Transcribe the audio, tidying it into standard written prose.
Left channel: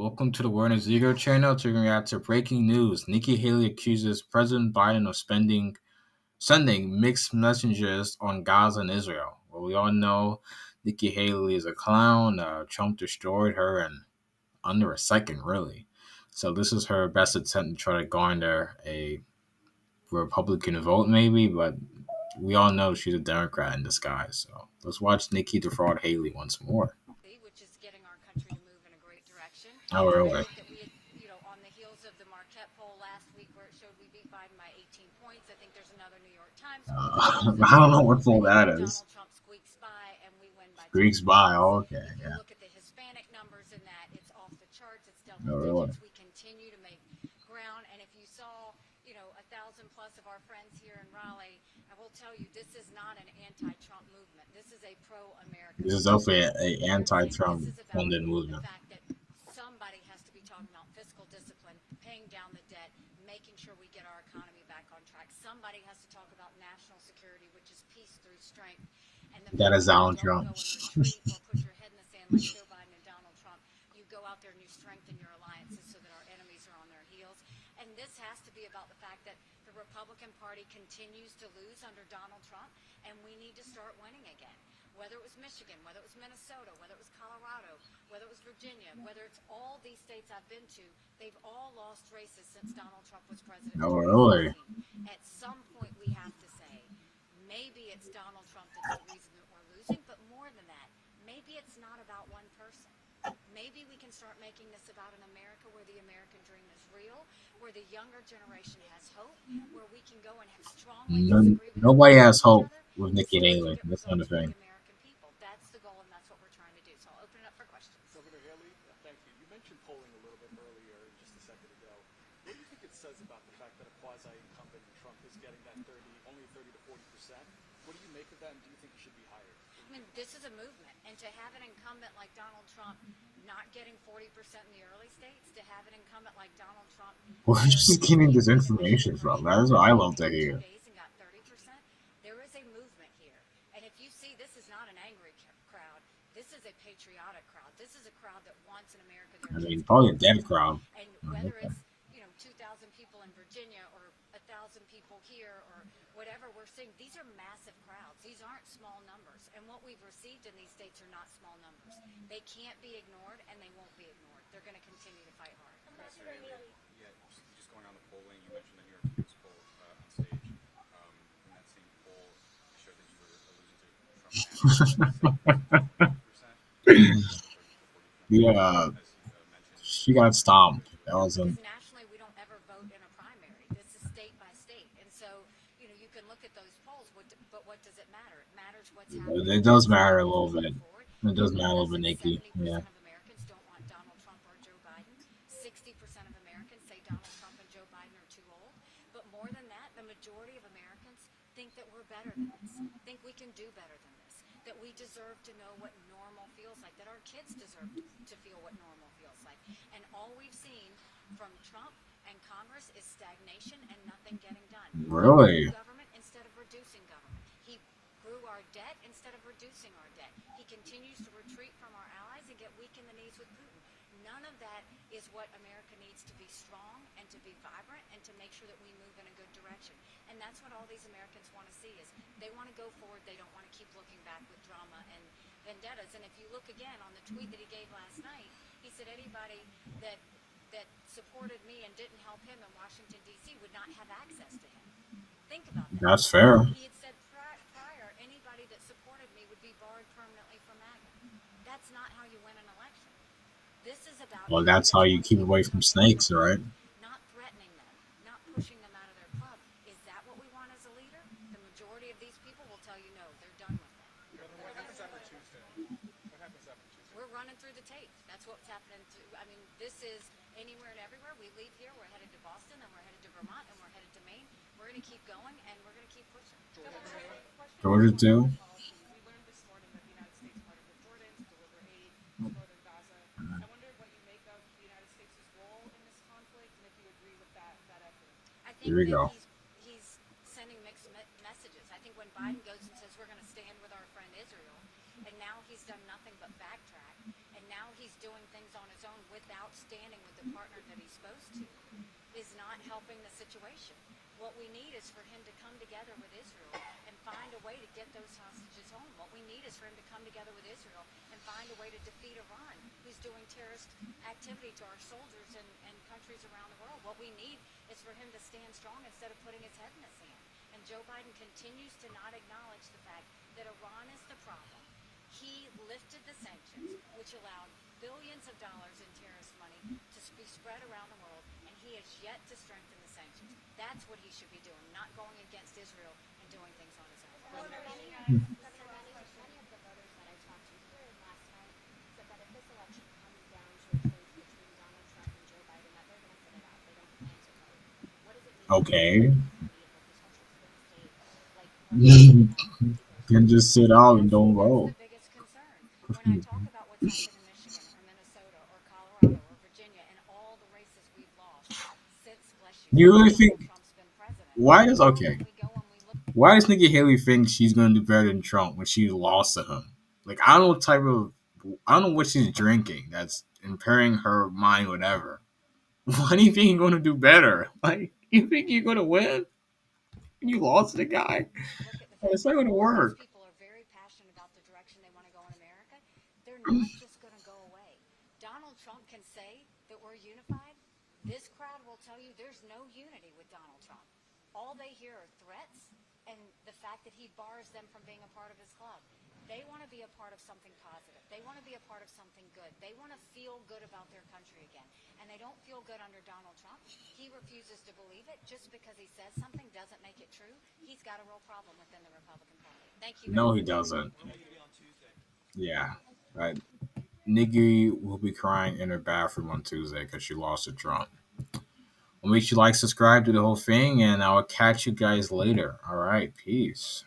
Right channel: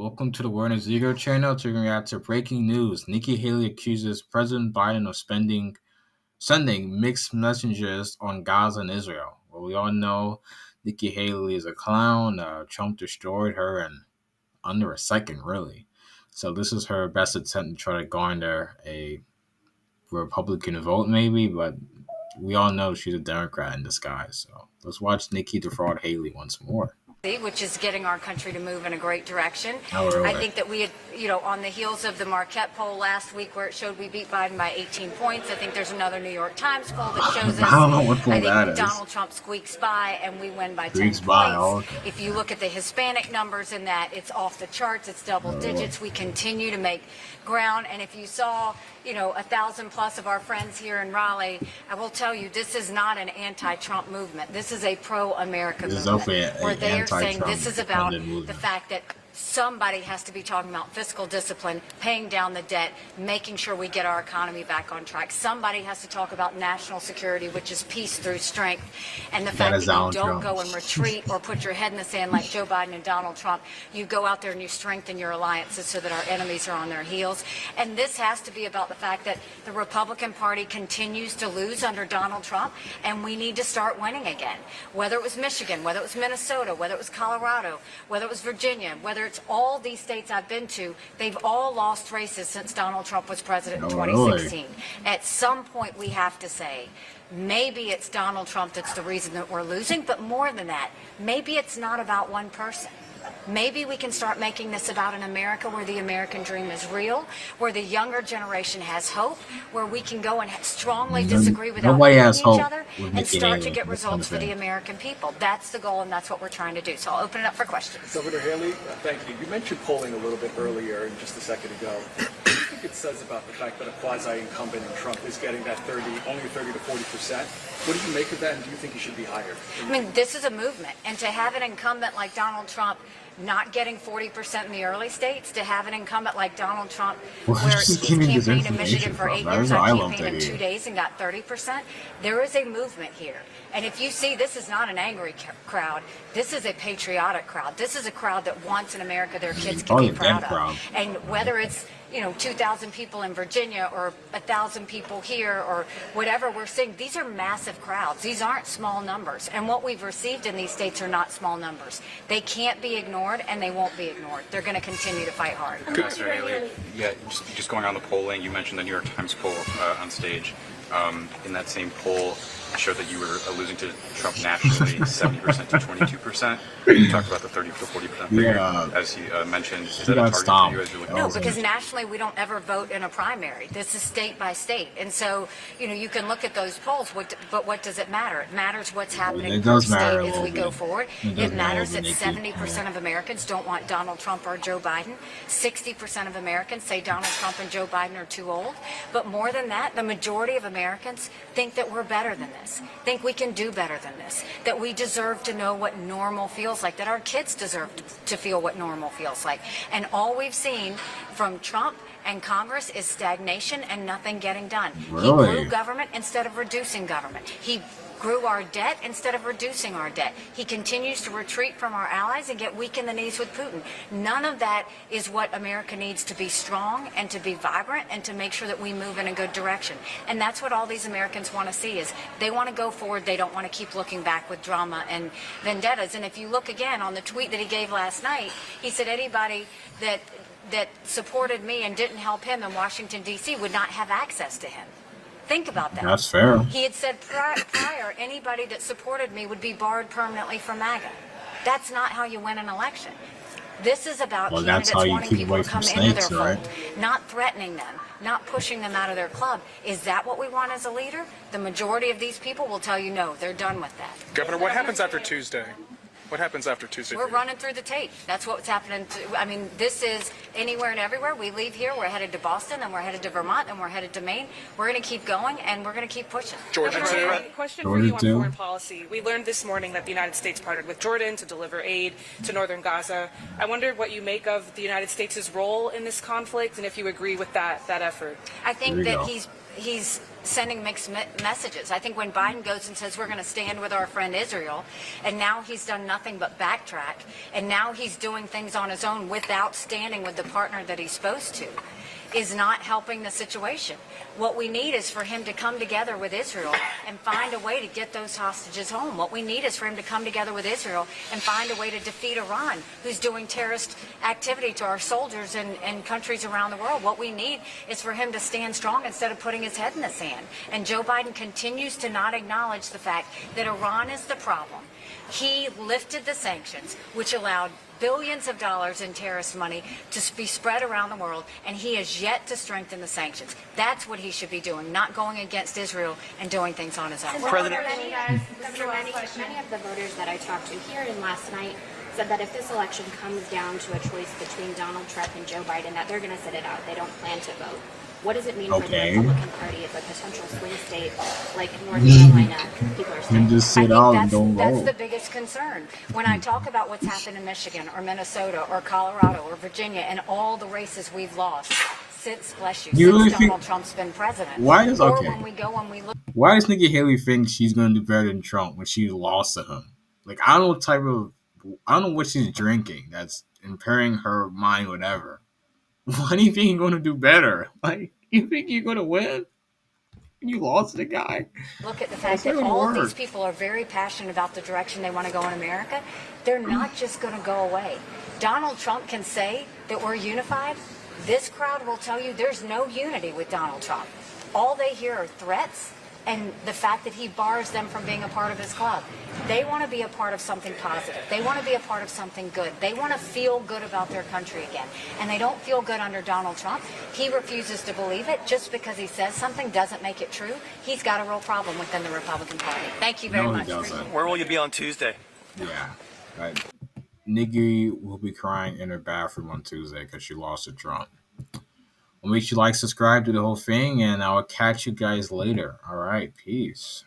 Welcome to the Warner Ziegler channel to react to breaking news. Nikki Haley accuses President Biden of sending mixed messages on Gaza and Israel. Well, we all know Nikki Haley is a clown. Trump destroyed her in under a second, really. So this is her best attempt to try to garner a Republican vote, maybe, but we all know she's a Democrat in disguise. So let's watch Nikki defraud Haley once more. Which is getting our country to move in a great direction. Oh, really? I think that we had, on the heels of the Marquette poll last week where it showed we beat Biden by 18 points, I think there's another New York Times poll that shows us. I don't know what poll that is. Donald Trump squeaks by and we win by 10 Squeaks points. by, okay. If you look at the Hispanic numbers in that, it's off the charts, it's double digits. We continue to make ground, and if you saw 1,000 plus of our friends here in Raleigh, I will tell you, this is not an anti-Trump movement. This is a pro-America movement. This is definitely an anti-Trump This is about movement. the fact that somebody has to be talking about fiscal discipline, paying down the debt, making sure we get our economy back on track. Somebody has to talk about national security, which is peace through strength. And the fact that you don't go and retreat or put your head in the sand like Joe Biden and Donald Trump. You go out there and you strengthen your alliances so that our enemies are on their heels. And this has to be about the fact that the Republican Party continues to lose under Donald Trump, and we need to start winning again. Whether it was Michigan, whether it was Minnesota, whether it was Colorado, whether it was Virginia, whether it's all these states I've been to, they've all lost races since Donald Trump was president in 2016. At some point we have to say, maybe it's Donald Trump that's the reason that we're losing, but more than that, maybe it's not about one person. Maybe we can start making this about an America where the American dream is real, where the younger generation has hope, where we can go and strongly disagree with nobody has hope each other with and Nikki start Haley, to get results for the American people. That's the goal, and that's what we're trying to do. So I'll open it up for questions. Governor Haley, thank you. You mentioned polling a little bit earlier and just a second ago. What do you think it says about the fact that a quasi-incumbent in Trump is getting that only 30 to 40%? What do you make of that, and do you think he should be higher? I mean, this is a movement, and to have an incumbent like Donald Trump not getting 40% in the early states, to have an incumbent like Donald Trump, where just giving this information from? That's what I love to hear. 2 days and got 30%. There is a movement here, and if you see, this is not an angry crowd. This is a patriotic crowd. This is a crowd that wants an America their kids can be proud of. And whether it's 2,000 people in Virginia or 1,000 people here or whatever we're seeing, these are massive crowds. These aren't small numbers. And what we've received in these states are not small numbers. They can't be ignored, and they won't be ignored. They're going to continue to fight hard. Mr. Haley, yeah, just going on the polling, you mentioned the New York Times poll on stage. In that same poll, it showed that you were losing to Trump nationally, 70% to 22%. You talked about the 30 to 40%. As he mentioned, she got stomped. No, because nationally we don't ever vote in a primary. This is state by state, and so you can look at those polls. But what does it matter? It matters what's happening. It does matter a as little we bit. go forward. It matters that 70% of Americans don't want Donald Trump or Joe Biden. 60% of Americans say Donald Trump and Joe Biden are too old. But more than that, the majority of Americans think that we're better than this. Think we can do better than this. That we deserve to know what normal feels like. That our kids deserve to feel what normal feels like. And all we've seen from Trump and Congress is stagnation and nothing getting done. Really? He grew government instead of reducing government. He grew our debt instead of reducing our debt. He continues to retreat from our allies and get weak in the knees with Putin. None of that is what America needs to be strong and to be vibrant and to make sure that we move in a good direction. And that's what all these Americans want to see, is they want to go forward. They don't want to keep looking back with drama and vendettas. And if you look again on the tweet that he gave last night, he said anybody that supported me and didn't help him in Washington, D.C. would not have access to him. Think about that. That's fair. He had said prior, anybody that supported me would be barred permanently from MAGA. That's not how you win an election. This is about that's how you keep away from snakes, right? Not threatening them, not pushing them out of their club. Is that what we want as a leader? The majority of these people will tell you no, they're done with that. Governor, what happens after Tuesday? What happens after Tuesday? We're running through the tape. That's what's happening. I mean, this is anywhere and everywhere. We leave here, we're headed to Boston, then we're headed to Vermont, and we're headed to Maine. We're going to keep going, and we're going to keep pushing. Georgia too. Question for you on foreign policy. We learned this morning that the United States partnered with Jordan to deliver aid to northern Gaza. I wonder what you make of the United States' role in this conflict, and if you agree with that effort. I think that he's sending mixed messages. I think when Biden goes and says we're going to stand with our friend Israel, and now he's done nothing but backtrack, and now he's doing things on his own without standing with the partner that he's supposed to, is not helping the situation. What we need is for him to come together with Israel and find a way to get those hostages home. What we need is for him to come together with Israel and find a way to defeat Iran, who's doing terrorist activity to our soldiers in countries around the world. What we need is for him to stand strong instead of putting his head in the sand. And Joe Biden continues to not acknowledge the fact that Iran is the problem. He lifted the sanctions, which allowed billions of dollars in terrorist money to be spread around the world, and he has yet to strengthen the sanctions. That's what he should be doing, not going against Israel and doing things on his own. President, many of the voters that I talked to here and last night said that if this election comes down to a choice between Donald Trump and Joe Biden, that they're going to sit it out. They don't plan to vote. What does it mean for the Republican Party as a potential swing state like North Carolina? People are saying, And just sit out and don't vote. That's the biggest concern. When I talk about what's happened in Michigan or Minnesota or Colorado or Virginia and all the races we've lost since, bless you, You really since think- Donald Trump's been president. Why does Or okay? when we go and we look Why does Nikki Haley think she's going to do better than Trump when she lost to him? Like, I don't know what she's drinking that's impairing her mind, whatever. Why do you think you're going to do better? Like, you think you're going to win? You lost to the guy. look at the That's fact not that gonna all of these work. people are very passionate about the direction they want to go in America, they're not just going to go away. Donald Trump can say that we're unified. This crowd will tell you there's no unity with Donald Trump. All they hear are threats and the fact that he bars them from being a part of his club. They want to be a part of something positive. They want to be a part of something good. They want to feel good about their country again. And they don't feel good under Donald Trump. He refuses to believe it. Just because he says something doesn't make it true. He's got a real problem within the Republican Party. Thank you very No, much. he doesn't. Where will you be on Tuesday? Yeah. Right. Nikki will be crying in her bathroom on Tuesday because she lost to Trump. Well, make sure you like, subscribe, do the whole thing, and I'll catch you guys later. All right. Peace.